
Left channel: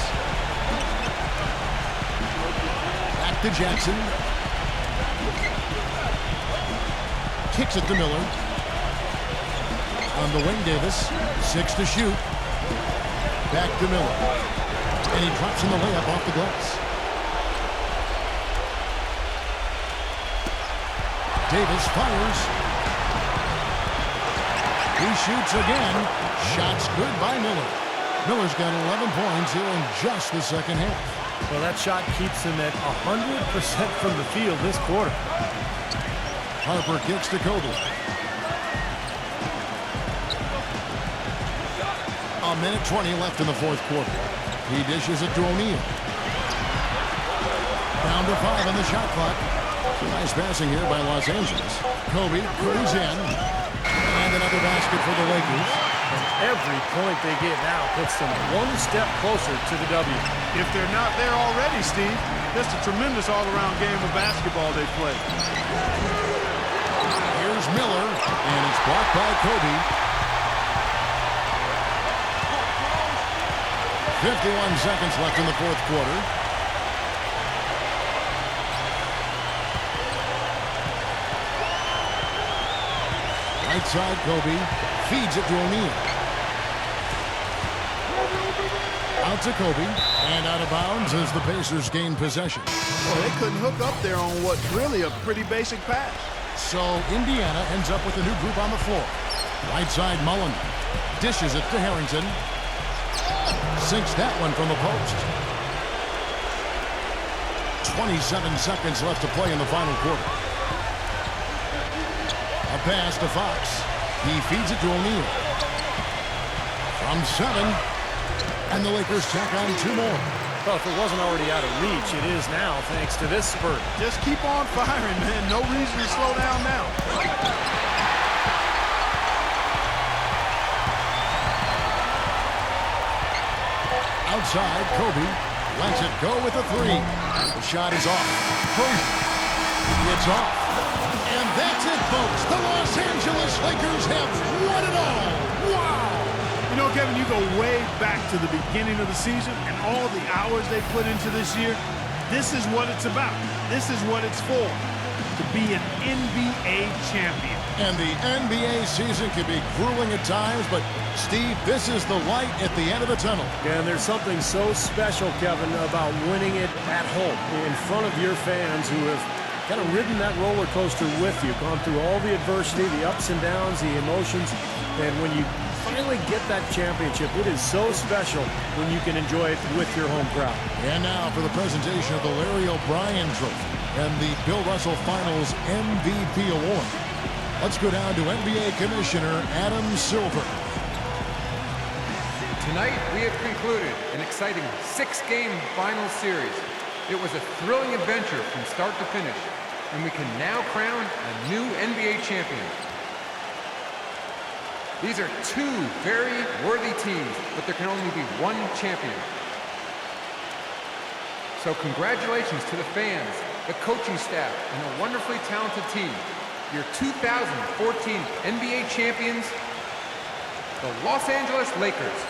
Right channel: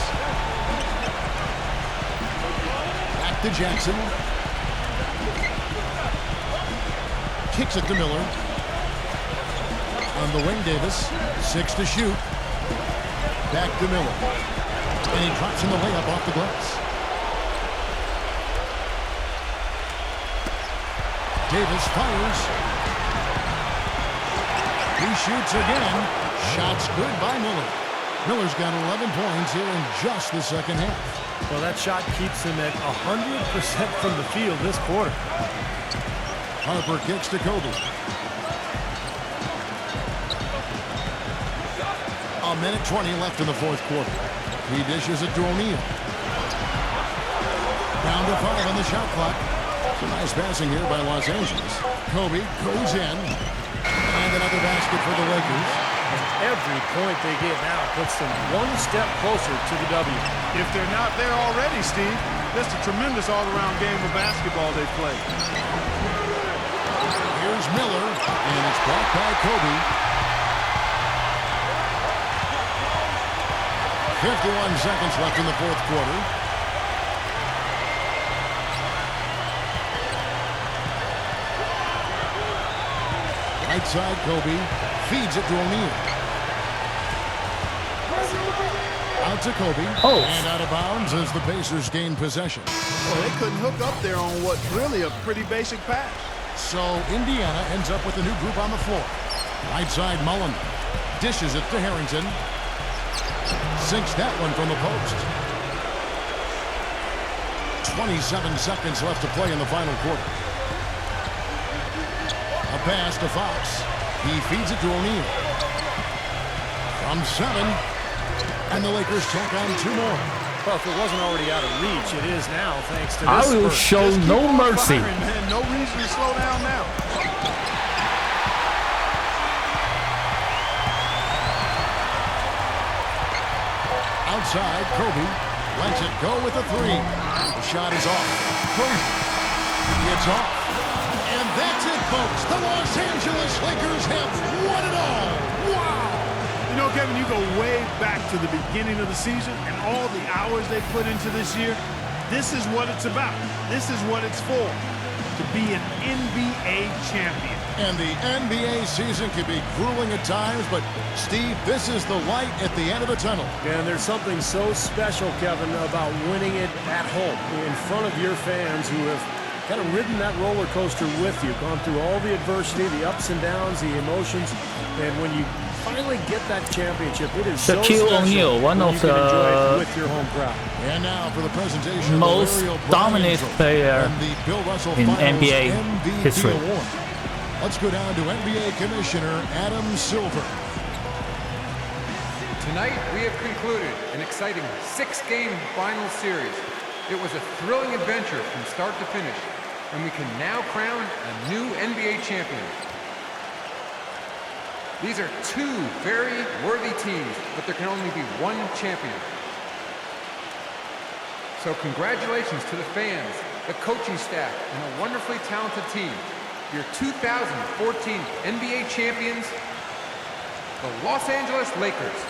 Back to Jackson. Kicks it to Miller. On the wing, Davis. 6 to shoot. Back to Miller. And he drops in the layup off the glass. Davis fires. He shoots again. Shots good by Miller. Miller's got 11 points here in just the second half. Well, that shot keeps him at 100% from the field this quarter. Harper kicks to Kobe. A minute 20 left in the fourth quarter. He dishes it to O'Neal. Down to 5 on the shot clock. Some nice passing here by Los Angeles. Kobe goes in. And another basket for the Lakers. And every point they get now puts them one step closer to the W. If they're not there already, Steve, that's a tremendous all-around game of basketball they play. Here's Miller, and it's blocked by Kobe. 51 seconds left in the fourth quarter. Right side, Kobe feeds it to O'Neal. Out to Kobe, and out of bounds as the Pacers gain possession. Well, they couldn't hook up there on what's really a pretty basic pass. So Indiana ends up with a new group on the floor. Right side, Mullen dishes it to Harrington. Sinks that one from the post. 27 seconds left to play in the final quarter. A pass to Fox. He feeds it to O'Neal. From 7. And the Lakers tack on 2 more. Well, if it wasn't already out of reach, it is now thanks to this spurt. Show Just keep no on mercy. firing, man. No reason to slow down now. Outside, Kobe lets it go with a 3. The shot is off. It's off. And that's it, folks. The Los Angeles Lakers have won it all. Wow! You know, Kevin, you go way back to the beginning of the season and all the hours they put into this year. This is what it's about. This is what it's for. To be an NBA champion. And the NBA season can be grueling at times, but Steve, this is the light at the end of the tunnel. And there's something so special, Kevin, about winning it at home in front of your fans who have kind of ridden that roller coaster with you, gone through all the adversity, the ups and downs, the emotions, and when you finally get that championship, it is so Shaquille special O'Neal, one when of you can the enjoy it with your home crowd. And now for the presentation of the Most Larry O'Brien dominant Trophy player and the Bill Russell in Finals NBA MVP history. Award. Let's go down to NBA Commissioner Adam Silver. Tonight, we have concluded an exciting 6-game final series. It was a thrilling adventure from start to finish, and we can now crown a new NBA champion. These are two very worthy teams, but there can only be one champion. So congratulations to the fans, the coaching staff, and a wonderfully talented team. Your 2014 NBA champions, the Los Angeles Lakers.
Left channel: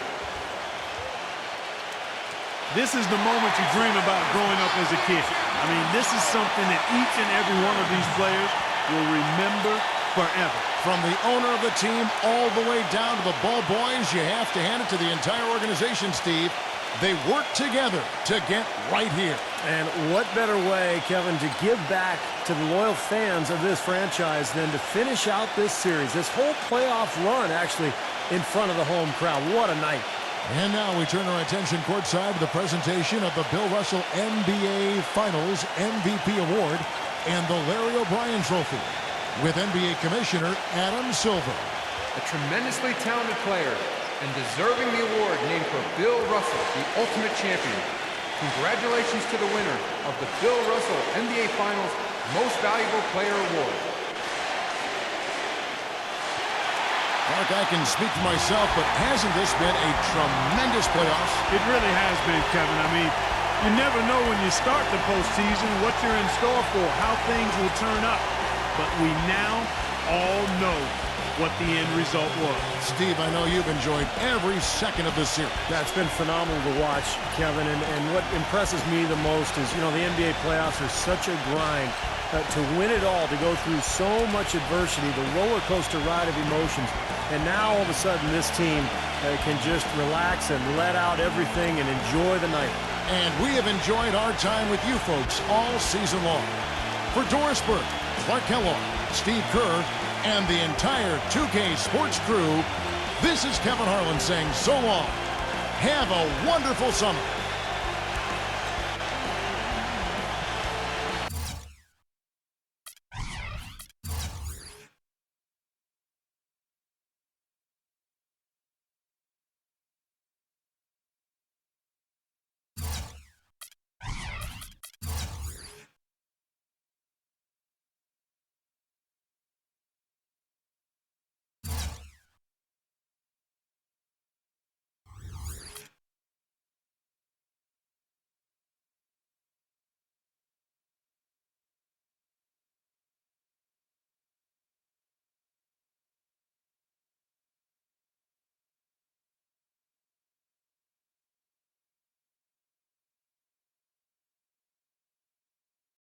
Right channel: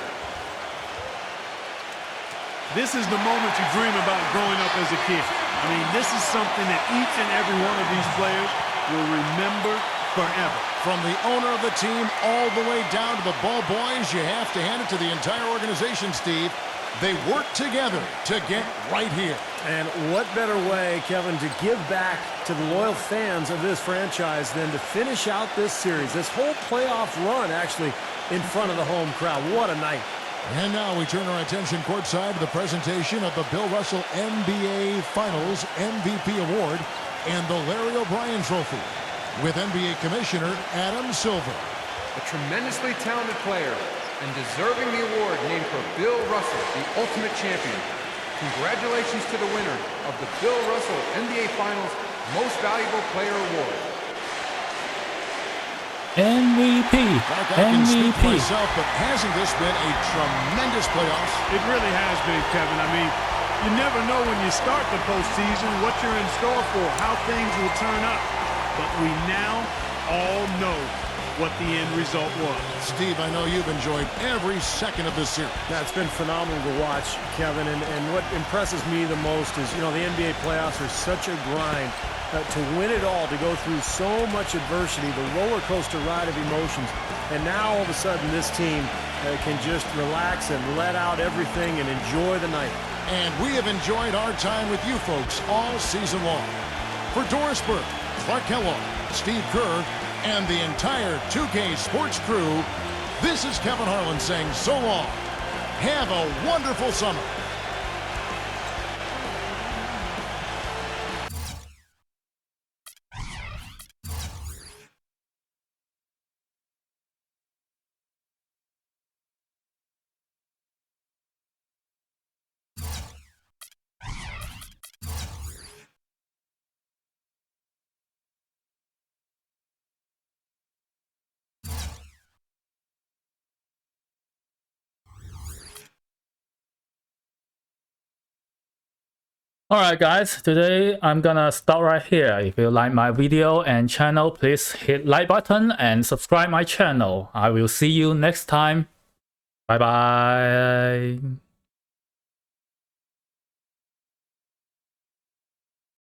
This is the moment you dream about growing up as a kid. I mean, this is something that each and every one of these players will remember forever. From the owner of the team all the way down to the ball boys, you have to hand it to the entire organization, Steve. They work together to get right here. And what better way, Kevin, to give back to the loyal fans of this franchise than to finish out this series, this whole playoff run, actually, in front of the home crowd. What a night. And now we turn our attention courtside to the presentation of the Bill Russell NBA Finals MVP Award and the Larry O'Brien Trophy with NBA Commissioner Adam Silver. A tremendously talented player and deserving the award named for Bill Russell, the ultimate champion. Congratulations to the winner of the Bill Russell NBA Finals Most Valuable Player Award. MVP. Mark, I can speak for myself, but hasn't this been a tremendous playoffs? It really has been, Kevin. I mean, you never know when you start the postseason what you're in store for, how things will turn up. But we now all know what the end result was. Steve, I know you've enjoyed every second of this series. That's been phenomenal to watch, Kevin. And what impresses me the most is, you know, the NBA playoffs are such a grind. To win it all, to go through so much adversity, the roller coaster ride of emotions. And now all of a sudden this team can just relax and let out everything and enjoy the night. And we have enjoyed our time with you folks all season long. For Doris Burke, Clark Kellogg, Steve Kerr, and the entire 2K Sports crew, this is Kevin Harlan saying so long. Have a wonderful summer. Alright guys, today I'm gonna stop right here. If you like my video and channel, please hit like button and subscribe my channel. I will see you next time. Bye bye.